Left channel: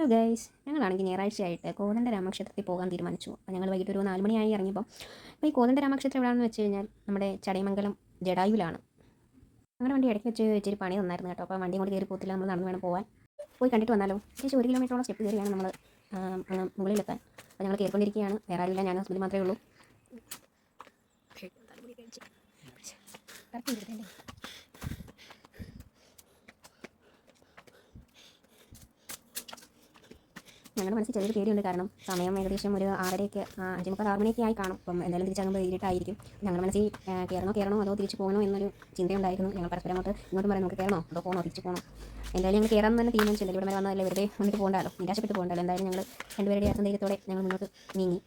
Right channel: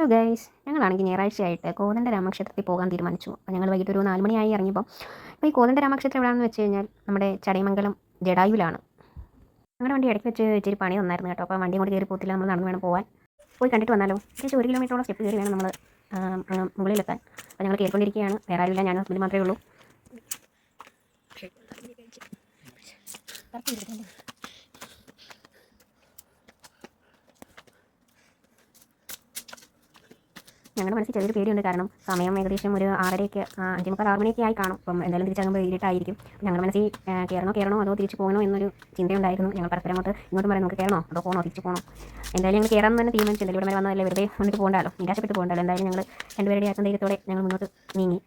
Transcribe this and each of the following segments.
Hello guys ഞങ്ങളാണെങ്കിൽ ഞായറാഴ്ചയായിട്ട് കോതണ്ട രാമക്ഷേത്രത്തിൽ പോകാൻ തീരുമാനിച്ചു. അപ്പോൾ ഞങ്ങൾ വൈകിട്ട് ഒരു നാല് മണിയായി ഇറങ്ങിയപ്പോൾ അപ്പോൾ ഈ കോതണ്ട രാമക്ഷേത്രം എവിടെയാണെന്ന് വെച്ച് കഴിഞ്ഞാൽ നമ്മുടെ ചടയമംഗലം ജഡായുവിലാണ്. ഞങ്ങളുടെ വണ്ടി ഇടയ്ക്ക് വെച്ച് ഇച്ചിരി പണി തന്നായിരുന്നു കേട്ടോ. അപ്പോൾ വണ്ടി കൂടി കയറി പോത്തില്ല നമ്മൾ നടന്ന് വേണം പോകാൻ പോയി കണ്ടിട്ട് വന്നാലോ? ഏകദേശം ഒരു കിലോമീറ്ററോളം സ്റ്റെപ്പ് കയറി വേണം നമ്മൾ മുകളിലെത്താൻ. അപ്പോൾ ഞങ്ങൾ കയറിക്കൊണ്ടിരിക്കുകയാണ്. വേറെ ആരുമില്ല ഞാനും ഹസ്ബൻഡ് മാത്രമേ ഉള്ളൂ. ഞങ്ങളുടെ മനസ്സിൽ ചെറിയൊരു പേടിയുണ്ട്. കാരണം സമയം ഏകദേശം ഒരു ആറരയൊക്കെ അഞ്ചു മുക്കാൽ ആറ് മണിയൊക്കെ ആയി കാണും. അപ്പം എന്തായാലും തിരിച്ചാകുമ്പോൾ ഇരുട്ടായിരിക്കും ഞങ്ങളുടെ മനസ്സിൽ കയറണോ കയറണോ അതോ തിരിച്ചു പോകണോ എന്നൊരു ചിന്തയുണ്ടായിരുന്നു. ഞങ്ങൾ പരസ്പരം അങ്ങോട്ട് ഇങ്ങോട്ടും പറയാം നമുക്ക് കയറണോ അതോ പോകണോ തിരിച്ചു പോകണോ എന്തായാലും ഞങ്ങൾ കയറാൻ തന്നെ തീരുമാനിച്ചു. എന്തായാലും ഇവിടെ വരെ വന്നതല്ലേ വെറുതെ വന്നിട്ട് പോകണ്ടല്ലോ നിരാശപ്പെട്ട് പോകണ്ടല്ലോ. എന്തായാലും ഞങ്ങൾ രണ്ടുപേരുടെ ആത്മധൈര്യത്തോടെ ഞങ്ങൾ മുന്നോട്ട് നീങ്ങി.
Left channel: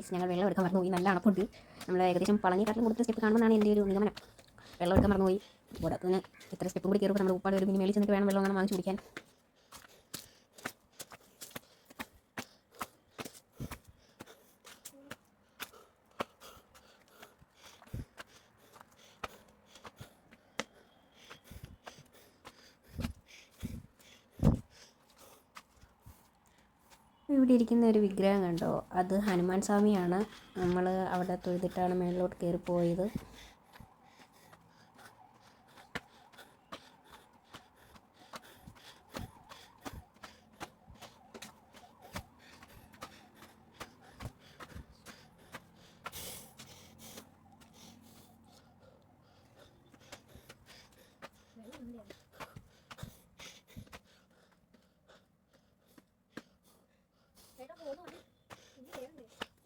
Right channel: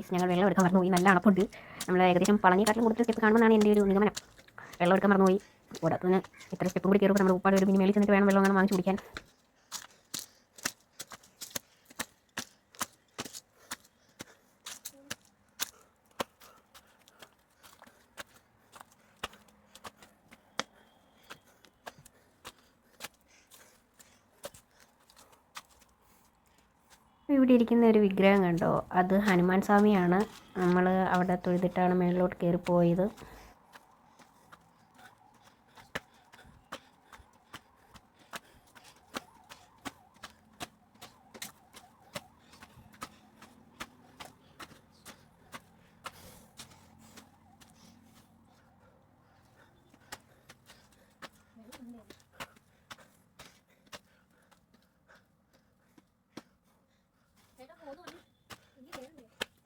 പ്ലീസ് ഞങ്ങൾ വെള്ളം എടുക്കാൻ മറന്നുപോയി. നല്ല അണപ്പുണ്ട്. നമ്മൾ ഏകദേശം പളനിക്കാട്ടിലും കൂടുതൽ സ്റ്റെപ്പ് കാണുമെന്നാണ് എന്റെ ഒരു നിഗമനം. വെള്ളം എടുക്കാൻ മറന്നുപോയി. കൂടാത്തതിന് ഇത്ര സ്റ്റെപ്പും കൂടി കയറുമ്പോൾ നമ്മൾ ഉപ്പാട് ഒരു മിനി മേളിൽ ചെന്നിട്ട് വേണം വെള്ളം അങ്ങനെ വാങ്ങിച്ച് കുടിക്കാൻ. ഇരിക്കുന്ന ഒരു വിഗ്രഹം കണ്ടോ? അത് ഹനുമാൻ സ്വാമിയാണ്. നമ്മൾ അവിടെ തൊഴുതിട്ടാണ് മേളിലോട്ട് കയറി പോയത്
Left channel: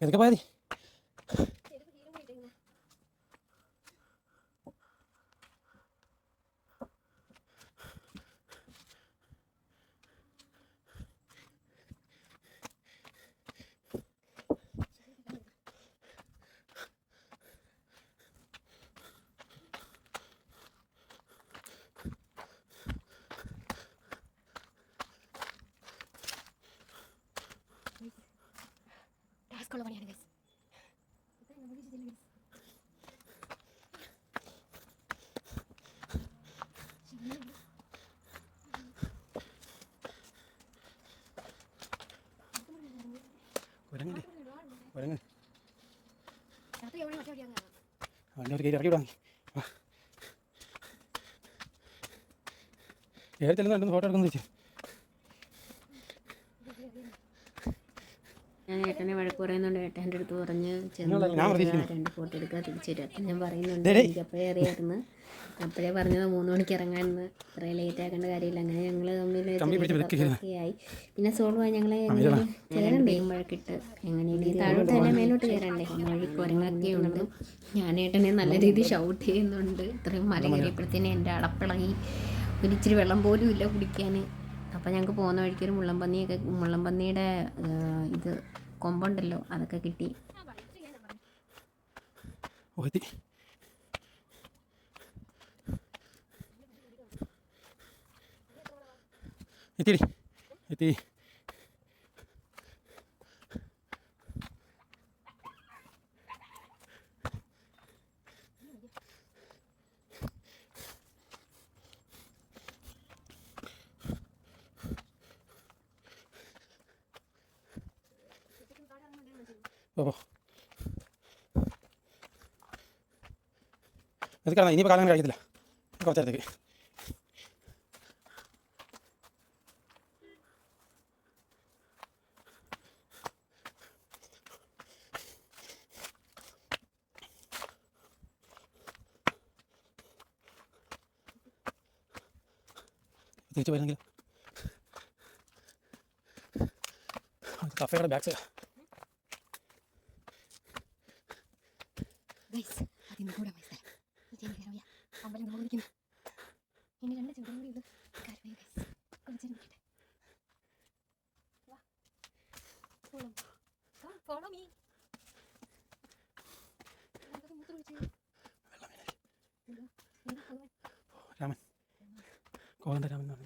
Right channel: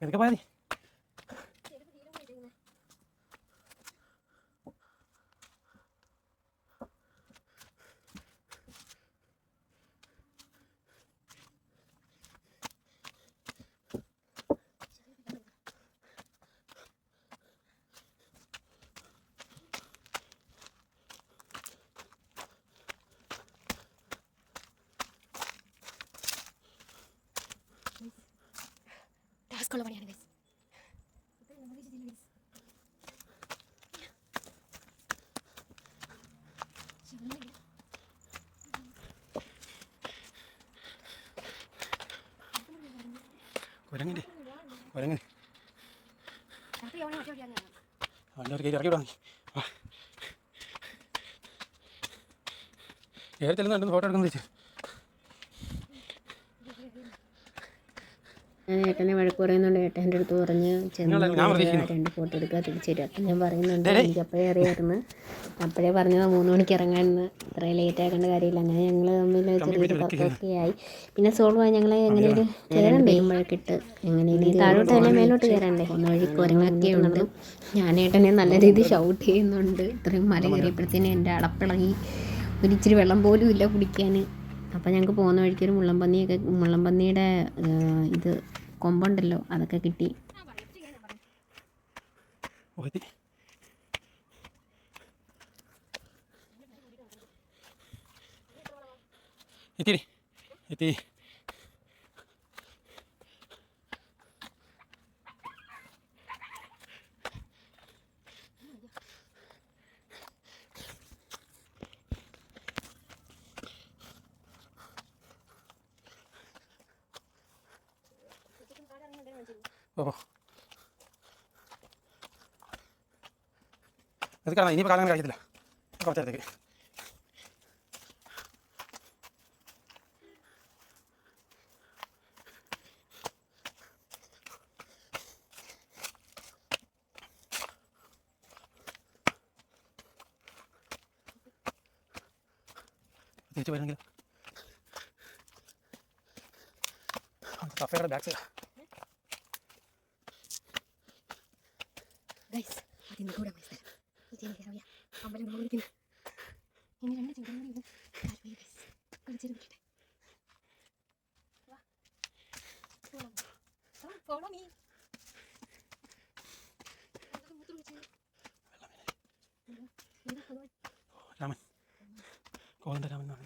എന്തൊക്കെ പോയാ ടാസ്കുള്ള പണിയാണ് guys. കുരങ്ങന്റെ con la ഒറ്റ വഴിയാണ് കാണുന്നത്. വണ്ടി ഒരു കയറി ഇറക്കി വിടാം. ചെല്ലുന്നുണ്ടെന്ന് ഫോട്ടോ എടുക്കുന്നു ചേച്ചി ഏട്ടനെ വഴക്ക് പറയുന്നുണ്ട് ഏട്ടന്റെ അടുത്ത് പറഞ്ഞ്. രണ്ട് ഫോട്ടോ എടുക്കുക തിരിച്ചു തരും അപ്പം ഞാൻ പറയുന്നുണ്ട്. എനിക്ക് അപ്പോഴേ അറിയായിരുന്നു അപ്പോഴേ പറഞ്ഞത് മൂന്ന് മണിക്ക് ഇറങ്ങാമെന്ന് ഇത്ര ലേറ്റ് ആക്കേണ്ട കാര്യമില്ല അങ്ങനെ ഞങ്ങൾ തമ്മിൽ ചെറിയൊരു ആയി പിന്നെ സോൾവ് ആയി ഞങ്ങൾ എങ്ങനെയൊരു കയറണ്ടേ വരുമ്പോഴൊക്കിട്ട് എങ്ങനെയും താഴോട്ട് തന്നെ മേലോട്ട് കയറണ്ടേ ഒന്ന് വഴി കുരങ്ങൊക്കെ ഉണ്ട് ഞാൻ ഏട്ടനെ നല്ല രീതിയിൽ ഷൗട്ട് ചെയ്യുന്നുണ്ട് ഇത്രയും മല കയറിയപ്പോഴത്തേനും എന്റെ അടപ്പിളകി ഒരിച്ചിരി വെള്ളം പോലും ഇല്ല കുടിക്കാൻ അപ്പോൾ ഞങ്ങൾക്ക് പോകുന്ന വഴിക്ക് ഒരു മുള്ളംപന്നിയൊക്കെ മുള്ളംപന്നിയുടെ ഇത് കൊമ്പുണ്ടല്ലോ അതൊക്കെ കിട്ടി. എത്തിരി എത്തി ഓ. അത് കാണാം ഇനിയിപ്പോൾ കാണാൻ കഴിയത്തില്ല. കുറച്ച് നേരത്തേക്ക് തിരിച്ചു കഫേയുടെ back side follow me Raman. Raman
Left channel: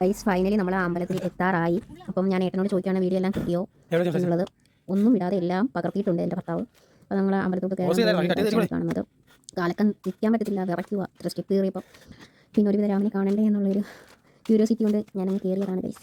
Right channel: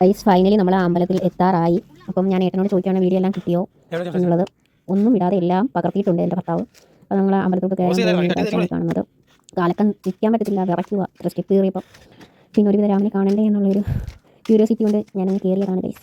guys finally നമ്മൾ ആ അമ്പലത്തിൽ എത്താറായി. അപ്പം ഞാൻ ഏട്ടനോട് ചോദിക്കുകയാണ് വീഡിയോ എല്ലാം കിട്ടിയോ എന്നുള്ളത്. ഒന്നും ഇടാതെ എല്ലാം പകർത്തിയിട്ടുണ്ട് എന്റെ ഭർത്താവ്. അപ്പം നമ്മൾ അമ്പലത്തോട്ട് കയറി കാണുന്നത്. കാലക്കം നിൽക്കാൻ പറ്റത്തില്ല. വിറയ്ക്കുക ഇത്ര സ്റ്റെപ്പ് കയറിയപ്പോൾ പിന്നെ ഒരുവിധ രാമനെ കാണണ്ടേ എന്നുള്ളൊരു ക്യൂരിയോസിറ്റി കൊണ്ട് ഞാനങ്ങ് കയറിയതാണ് ഗൈസ്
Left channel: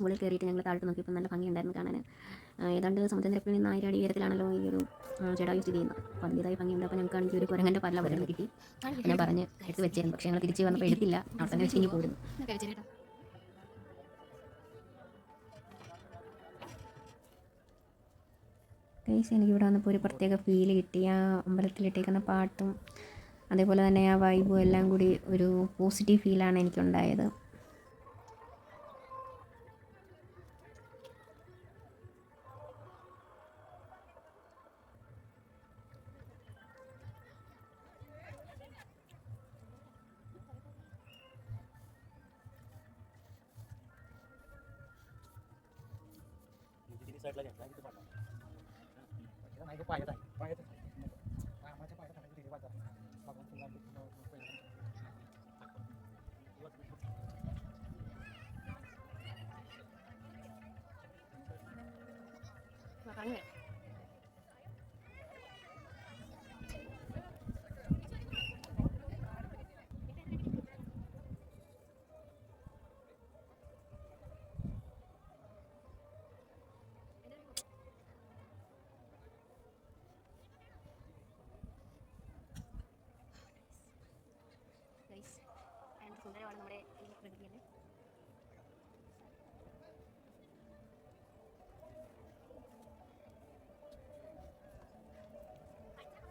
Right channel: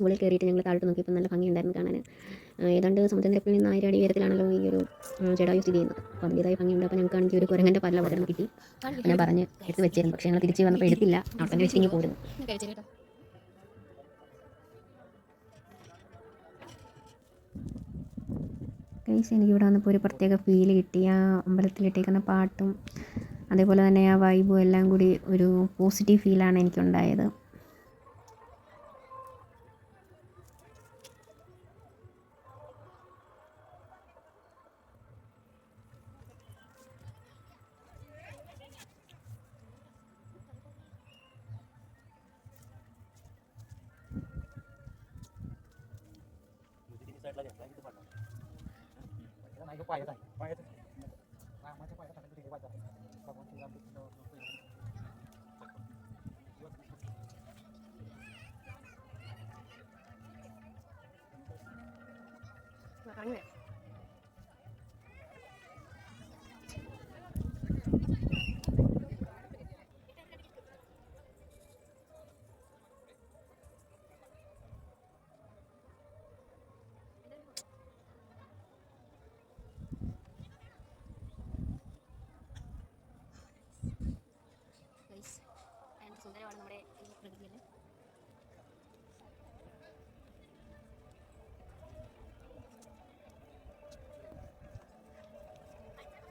മുകളിൽ കയറിയിട്ട് ഞങ്ങൾ താഴോട്ട് നോക്കിയപ്പോൾ നല്ല ഭംഗിയുണ്ടായിരുന്നു കാണാൻ. ഏതാണ്ട് സമുദ്രനിരപ്പിൽ നിന്ന് ആയിരം അടി ഉയരത്തിലാണല്ലോ ഈ ഒരു ജഡായു സ്ഥിതി ചെയ്യുന്നത്. അപ്പോൾ അതിന്റെതായ ഭംഗിയുണ്ട് അപ്പോൾ ഞങ്ങൾക്ക് ആണെങ്കിൽ ഒരു കുരങ്ങന്റെ പല്ല പകർന്ന് കിട്ടി. ഞാൻ പറഞ്ഞ് എടുത്ത് വെച്ചിരുന്നു. പക്ഷേ ഞങ്ങൾ തിരിച്ച് വന്നപ്പോൾ എടുത്തില്ല. അവിടെ തന്നെ വെച്ച് ഇനി പോരുന്നു ഗൈസ് എനിക്കിവിടെ വന്നപ്പോൾ ഒരു പ്രത്യേക ഫീൽ കിട്ടി. ആ അമ്പലത്തിലിട്ടേക്കുന്ന പാട്ടും അതേപോലെ തന്നെ ആ വൈബും എല്ലാം കൂടി ഒരു പോസിറ്റീവ് ഫീലാണ് എനിക്കുണ്ടായത്. घेतला घेतला किती पडला पाहिजे आहे. पाहिजे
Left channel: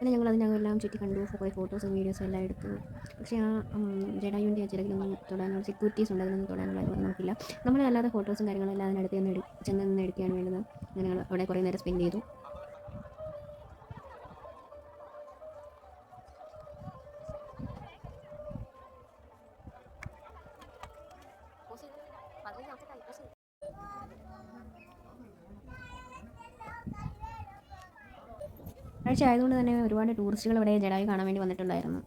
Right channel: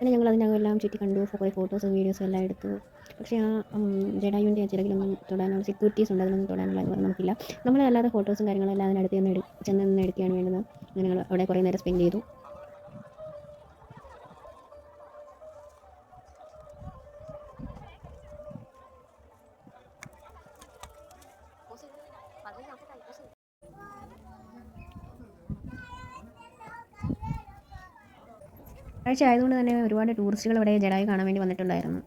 പിന്നെ ഞങ്ങൾ അതിനകമെല്ലാം ചുറ്റി കണ്ടു കുറേ ഫോട്ടോസും വീഡിയോസും എല്ലാം എടുത്തു. പക്ഷേ ആ ജഡായുവിന്റെ ആ ചിറകിലൊന്നും തൊടാനുള്ള സെക്യൂരിറ്റീസ് ഉണ്ട് അതിനൊന്നും തൊടാനുള്ള അനുവാദം നമുക്കില്ല. നമ്മൾ അല്ലാതെ ഫോട്ടോസും കാര്യങ്ങളും എല്ലാം അതിനടുത്ത് ചെന്ന് എടു ചെന്ന് നിന്ന് എടുക്കുകയാണ് വേണ്ടത്. അങ്ങനെ ഞങ്ങൾ അവിടെ കുറേ നേരം സ്പെൻഡ് ചെയ്തു. ആഴ്ച ആയതുകൊണ്ട് തന്നെ ഒരുപാട് ടൂറിസ്റ്റുകൾ ഇവിടെ ജഡായി കാണാൻ വേണ്ടി വന്നിട്ടുണ്ടായിരുന്നു.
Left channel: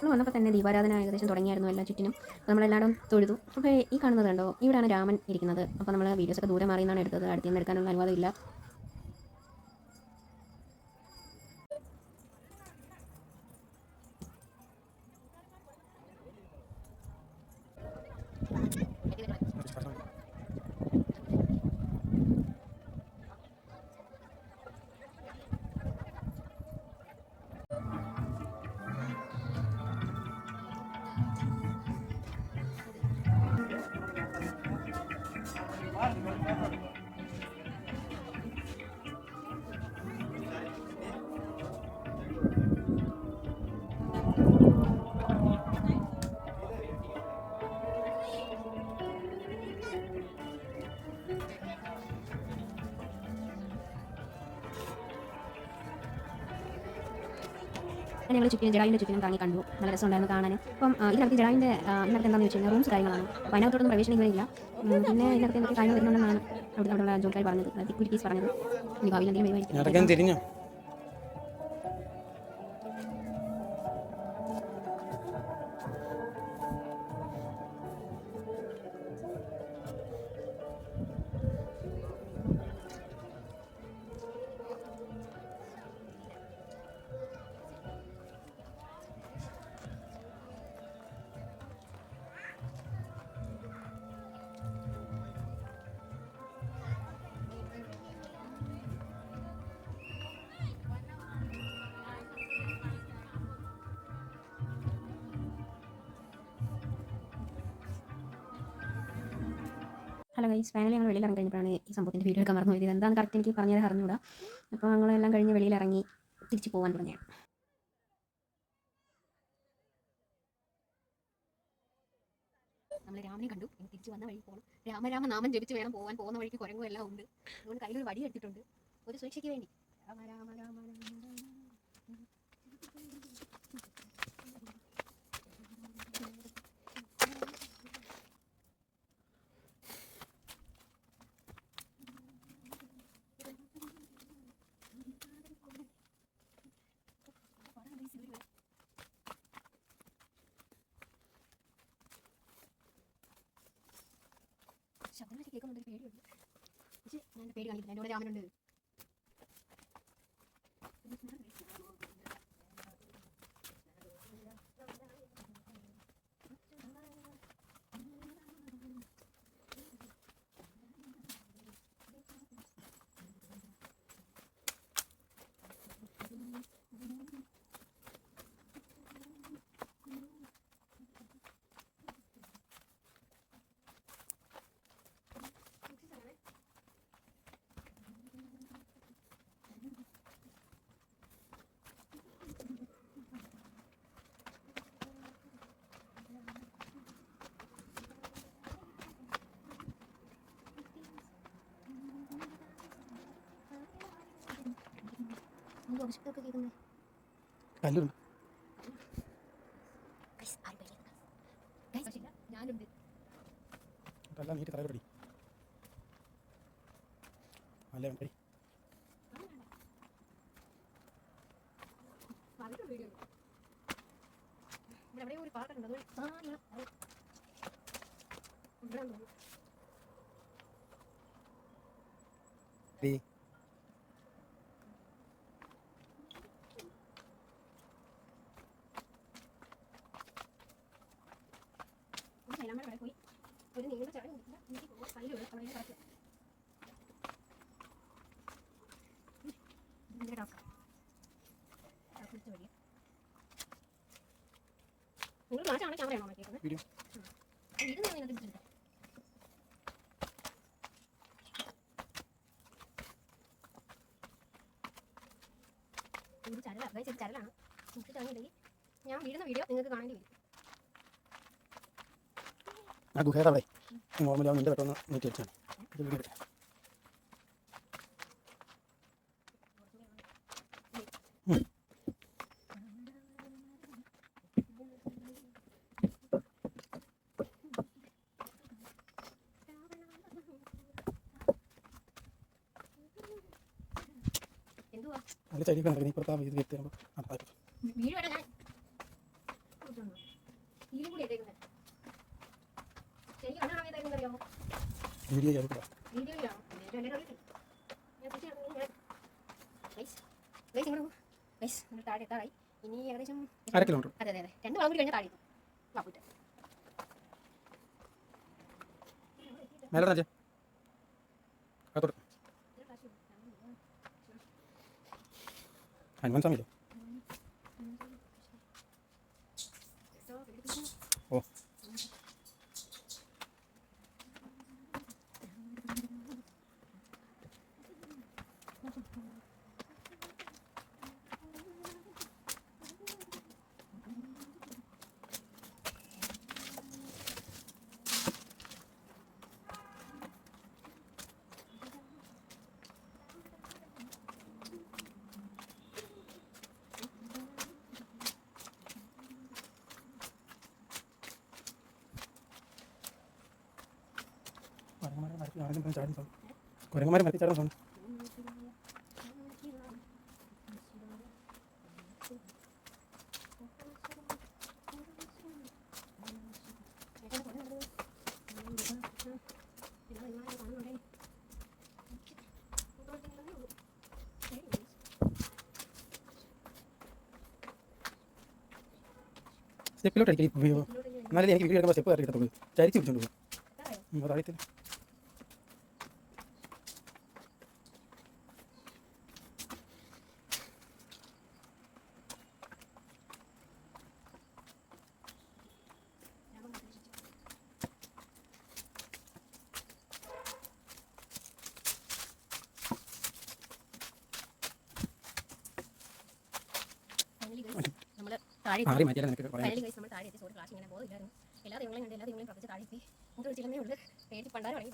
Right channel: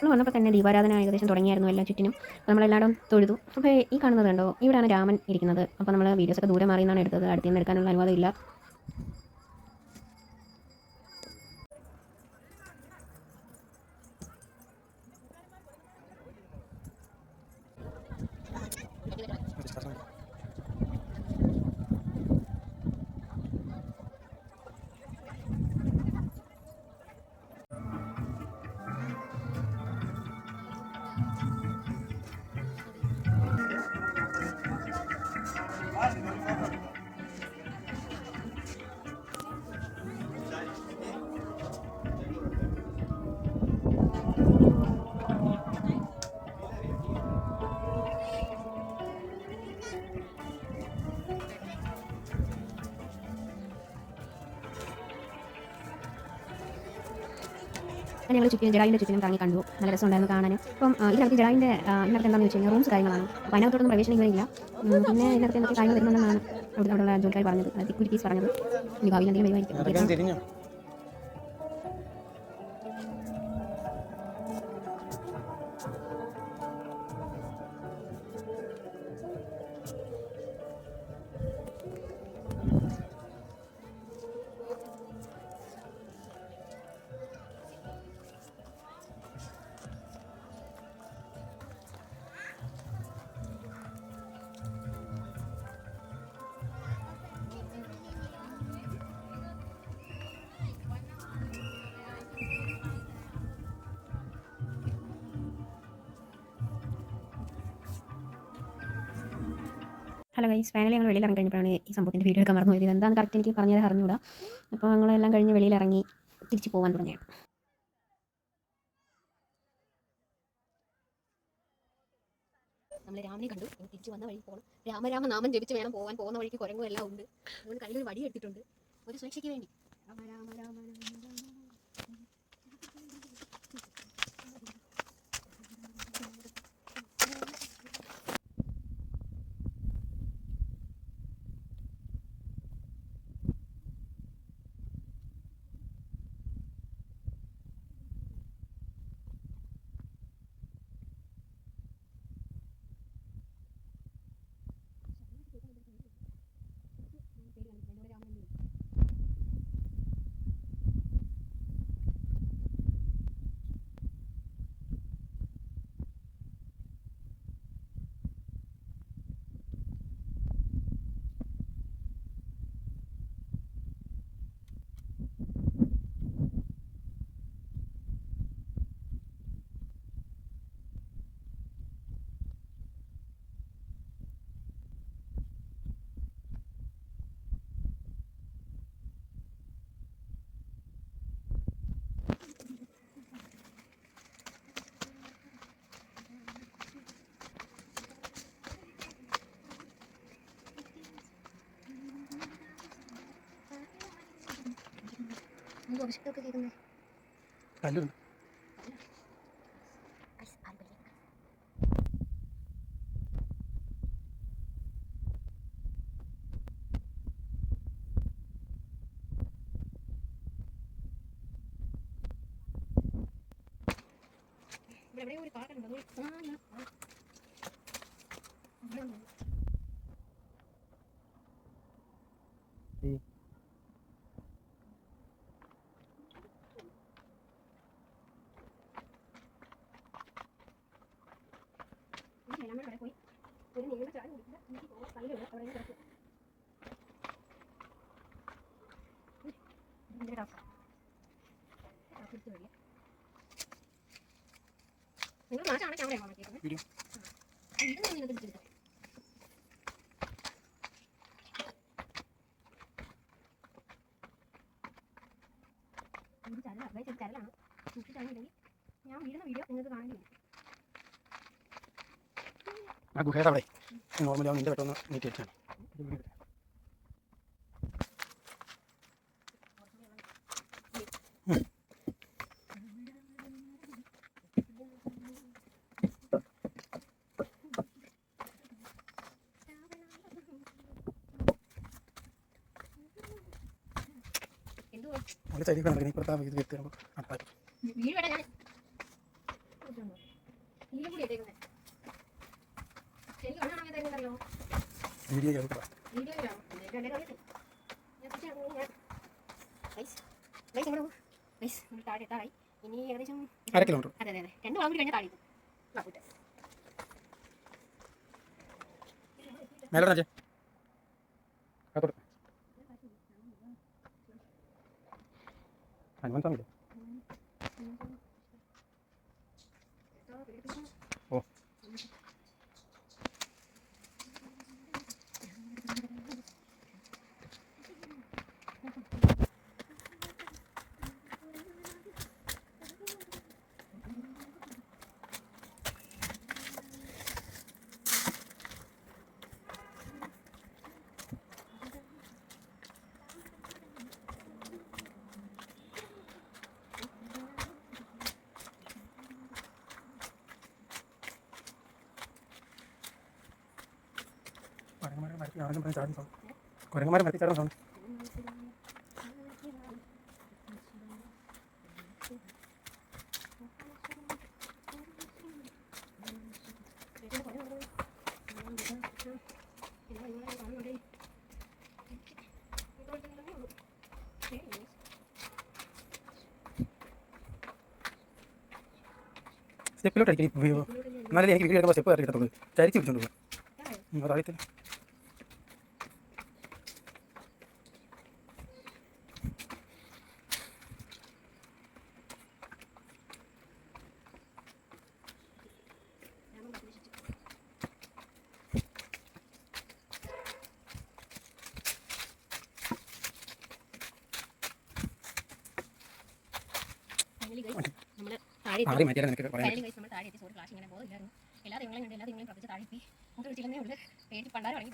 നമ്മൾ വന്നപ്പോൾ തന്നെ ദീപാരാധന ഏകദേശം തുടങ്ങിയായിരുന്നു എല്ലാ ചുറ്റിനും. അപ്പോൾ നമ്മളെല്ലായിടും തൊഴുതു. അപ്പോൾ ഈ കാണുന്നത് കണ്ടോ? ഇവിടെയാണ് രാമൻ ഇരിക്കുന്നത്. അപ്പോൾ നമ്മൾ വീഡിയോസൊക്കെ ദൂരെ മാറിയെന്നാണ് എടുത്തത്. അടുത്ത് നിന്ന് എടുക്കാനുള്ള അനുവാദം ഞങ്ങൾ ചുറ്റിനും ജഡായിന്റെ ചുറ്റിനും കറങ്ങി കണ്ടു. നല്ല രസമുണ്ടായിരുന്നു കാണാൻ അപ്പം ഇതിനകത്ത് ജഡായിന്റെ ഇതിനകത്ത് എന്താണെന്ന് വെച്ച് കഴിഞ്ഞാൽ റൂംസ് കാര്യങ്ങളാണ്. അപ്പോൾ അതിനകത്തോട്ടൊന്നും പ്രവേശനമില്ല പിന്നെ ഇതിനകത്ത് എന്തൊക്കെ കാര്യങ്ങൾ വരുന്നുണ്ടെന്നാണ് അവിടെ അവിടെയുള്ള ജോലിക്കാർ പറഞ്ഞത്. സെക്യൂരിറ്റീസ് പറഞ്ഞത്. ഇനി ഭാവിയിൽ എന്തെങ്കിലും വരുമായിരിക്കും. ഹലോ ഗൈസ് ഫൈനലി ഞങ്ങൾ വെളിയിൽ ഇറങ്ങി കഴിഞ്ഞപ്പോഴാണ് ഈ സംഭവത്തിന്റെ വീഡിയോ എടുക്കാൻ മറന്നു പോയത് എന്താണ് കറക്റ്റ് എനിക്ക് പറഞ്ഞത് അറിഞ്ഞൂടാ അപ്പോൾ ഞങ്ങളെല്ലാം കഴിഞ്ഞ് വെളിയിൽ ഇറങ്ങി തിരിച്ച് പോകാൻ തുടങ്ങിയാണ് നമ്മൾ രാമനെ കണ്ടു. ഇനി തിരിച്ച് വന്ന വഴി പോകണം രാമരാമ നാമം ജപിച്ച് വേണം പോകാൻ പോകുന്ന വഴിക്ക് കുരങ്ങും എല്ലാം ഉണ്ട്. അതുകൊണ്ട് കയ്യിൽ ഒരു വടി എടുത്തിട്ടുണ്ട് ഒരു സുരക്ഷയ്ക്ക് വേണ്ടി. രാമ രാമ രാമ രാമ. ശബ്ദങ്ങളൊക്കെ കേൾക്കുന്നുണ്ട് പേടിയുണ്ട്. പക്ഷേ ഞാൻ പേടി കാണിക്കില്ല എന്റെ കൂടെ രാമനുണ്ട്. അഭിഷേകമൊക്കെ കേൾക്കുന്നത് കല്ലുണ്ട് ഞാനുണ്ട് കല്ല നീട്ടി തലപടി അല്ലേ പടി ഇവിടെ എവിടെയോ ഒരു പാട്ടുണ്ട് അതുവഴി ആ ഞാൻ അത് ഇവിടെ ഉണ്ട്. ഡി ആ സൈലാമ്മയുടെ അവിടെ പോയി ചായ കുടിക്കുക എനിക്ക് പോകാൻ കയ്യിലുള്ള അവിടെ. കിടക്കും ഇതിന്റെ ടാസ്ക് തിരിച്ചു വരിക നിങ്ങൾ മാറ്റാണ് ക്യാമറയാണോ നോക്കിയത് വീഡിയോ നിങ്ങൾക്ക് തിരിച്ചെടുക്കാം ഇത് ചരല അതായത് ചെറിയ ചരലാണ് നിങ്ങൾക്ക് ഞാൻ വീടുന്ന വീഡിയോ നിങ്ങൾക്ക് കാണേണ്ടി വരും ആ ഗുഹയുടെ നോർമലി അവൻ നിന്റെ പെട്ടെന്ന് നീട്ടി എന്തുവാ? ഒരു കിടക്കുന്നത് ഇപ്പുറത്തെ ഇത് വെച്ച് നമുക്ക് വീട് വേണ്ട ഞാൻ വീടും കൂടി ഇട്ടേക്കുന്നത് ശരിക്കും കണ്ണാണ് ഇട്ടേക്കുന്നല്ലോ വീഡിയോ ചേർക്കുക വീഡിയോയിലാണോ രണ്ടേ അറിയട്ടെ ഞാൻ തിരിച്ച് ഇറങ്ങി ഞാൻ ഗൈസ് ഗൈസ് എങ്ങനെ പോകും ഗൈസ് നമ്മൾ താഴെ എത്താറായി ഇനി ഏകദേശം അര കിലോമീറ്റർ അതെ അതെ രണ്ട് വളം കൂടി കഴിഞ്ഞാൽ താഴെ വാപ്പൂട്ടെ മേലെ രാജേ അകത്തോട്ട്. ഹനുമാൻ സ്വാമിയില്ലേ കുരങ്ങന്മാരെ മരത്തി ചാടുന്ന സൗണ്ട് സ്റ്റെപ്പിലോട്ടായിരിക്കും എന്നാലേ എനിക്ക് വീഡിയോ എടുക്കുമ്പോൾ സ്റ്റെപ്പ് കയറി കിട്ടത്തുള്ളൂ. ചരിച്ച് പിടിച്ചോണ്ട് പോകും അതറിയത്തില്ല നമ്മൾ താഴെ മാറി മാറ്റിയാലേ നിനക്ക് പറയാൻ കയ്യിൽ നമ്മൾ താഴെ എത്തി. സോറി ഇങ്ങനെ പോകുന്നില്ലായിരുന്നു എല്ലാ ദൈവങ്ങളെയും കണ്ട് എല്ലാ ദൈവങ്ങളെയും പ്രത്യേകിച്ച് താഴെ എത്തി. ഉള്ളൂ. പേടി പണ്ടാരം ഇറങ്ങി